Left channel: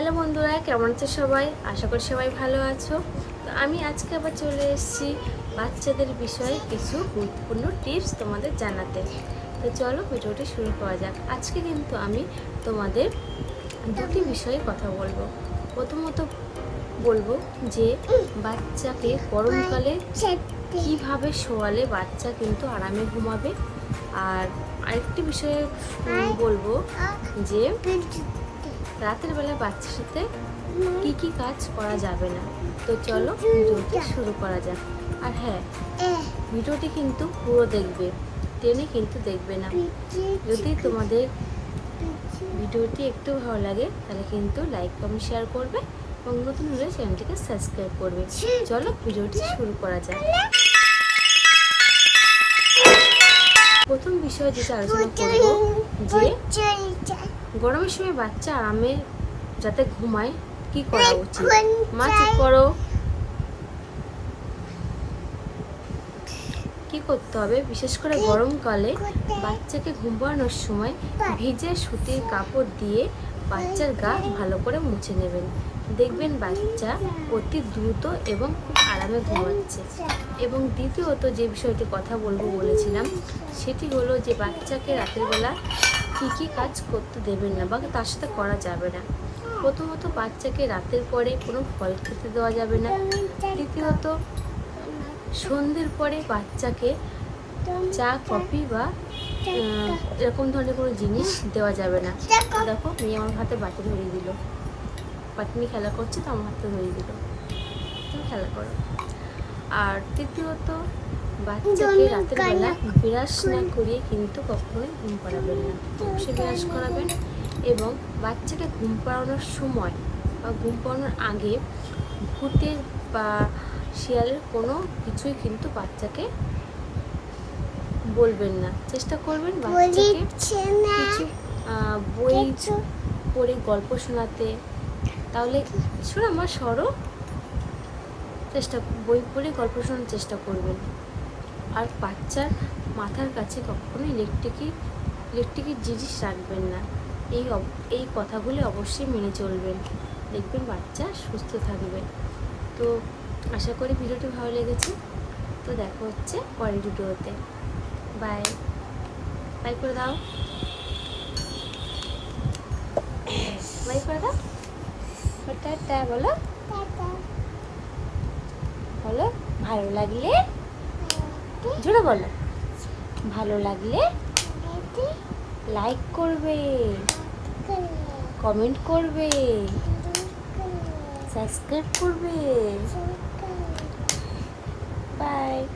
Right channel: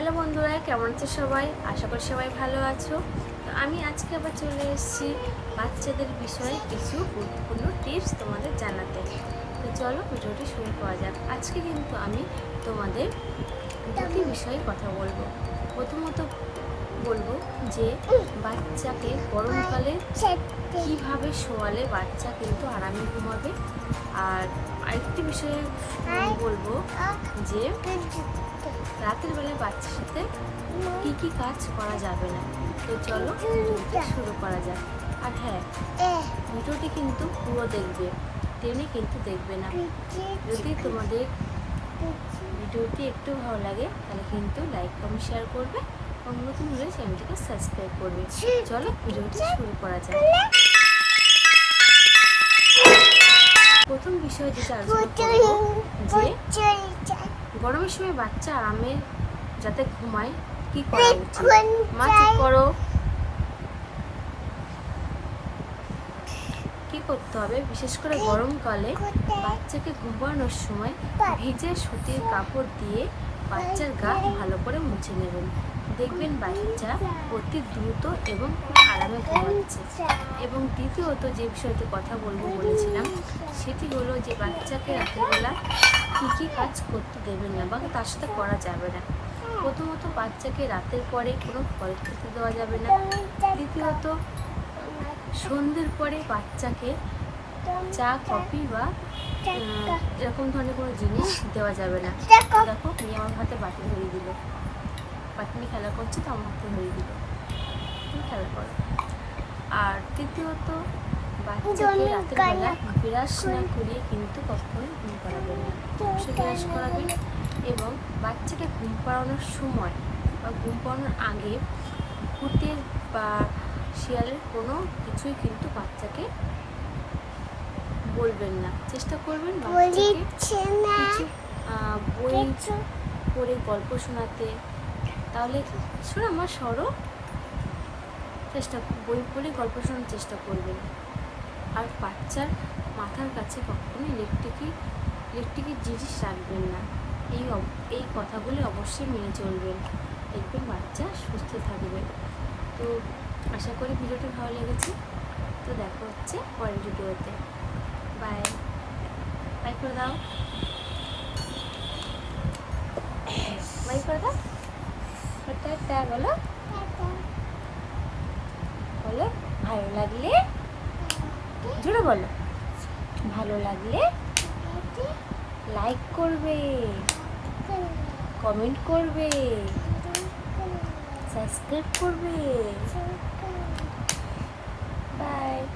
Hello বন্ধুরা, কেমন আছো সবাই? আশা করি সবাই ভালো আছো। তো আমি আজকে আবার চলে এসেছি বাচ্চাদের বিষয়ে কিছু গুরুত্বপূর্ণ টিপস তোমাদের জানাতে। তো চলো ভিডিওটি শুরু করা যাক। আজকে কিন্তু আমি তোমাদের দুটি বিষয়ে কথা বলব। প্রথমত বলব যে বাচ্চাকে গরমকালে কীভাবে শোয়ালে বাচ্চা কিন্তু আরামে ঘুমাবে। আর আরেকটি বিষয়ে বলব যে রাতের বেলা বাচ্চার সাথে কি কি কাজ করা যাবে না। তো চলো ভিডিওটি শুরু করা যাক। আর হ্যাঁ ভিডিওটি কিন্তু পুরো দেখবে, টেনে কিন্তু দেখবে না। যদি তোমাদের ভিডিওটি একটু ভালো লাগে, তাহলে কিন্তু লাইক, কমেন্ট, শেয়ার করবে এবং নতুন হলে চ্যানেলটিকে সাবস্ক্রাইব করবে। চলো ভিডিওটি শুরু করা যাক। প্রথম বিষয় যেটা আলোচনা করব, যে গরমের সময় বাচ্চা আরামে যাতে ঘুমায়, কি করা উচিত? মা, চুপ করো। কি করতে হবে? বিশেষ করে গরমকালে বাচ্চাকে ঘুম সময় ভিজে সুতির কাপড় দিয়ে বাচ্চার গা ভালো করে মুছে নেবেন। দেখবেন বাচ্চা অতি দ্রুত এবং খুব আরামে ঘুমাচ্ছে। এবং দ্বিতীয়ত যে বিষয়টি কথা বলব বলেছিলাম, সেটি হলো যে বাচ্চাকে রাতের বেলা কী কী কাজ করতে দেবেন না বা তার সাথে করা যাবে না। প্রথমত বাচ্চাকে রাতের পরে কোনো ফল খেতে দেওয়া যাবে না। দ্বিতীয়ত সন্ধ্যের পরে বাচ্চাকে চা, কফি বা এরকম ধরনের কোনো জিনিস দেওয়া যাবে না। তো দেখো, মেয়ে আমার হাতে বাটি ধরিয়ে দিল। বাটি নিয়ে খেলা করছে, তো আমার হাতে ধরিয়ে দিল। তুমি খেলা করো। আর তৃতীয়ত, বাচ্চাকে রাতের বেলা বিরাস না করিয়ে কিন্তু কখনোই ঘুম পাড়াবেন না। অবশ্যই বিরাস করাবেন এবং বাচ্চাকে ঘুম পাড়ানোর সময় বা ঘুম পাড়ানোর আগে ভূতের বা শিয়ালের কোনো কিছুই কিন্তু বাচ্চাকে বলবেন না। চেষ্টা করবেন বাচ্চাকে কিছু বই পড়ে গল্প শোনাতে। তাহলে শোনো আমার সরো। চেষ্টা বই পড়ে গল্প শোনার চেষ্টা করবেন। আর বাচ্চার মাথার কাছে কখনো ইলেকট্রিকই ইলেকট্রিকের জিনিস রাখবেন না। এই এই কথাগুলি অবশ্যই মেনে চলবেন। দেখবেন বাচ্চা সুস্থ থাকবে। তো আশা করি ভিডিওটি ভালো লেগেছে। তো দেখা হচ্ছে পরের ভিডিওতে। বাই বাই করে দাও। বাই করে দাও। টাটা বলো। বলো ভালো লাগলে? জোরে বলো। ভালো লাগলে? লাইক করবে। কমেন্ট করবে। That's good for me. Bye.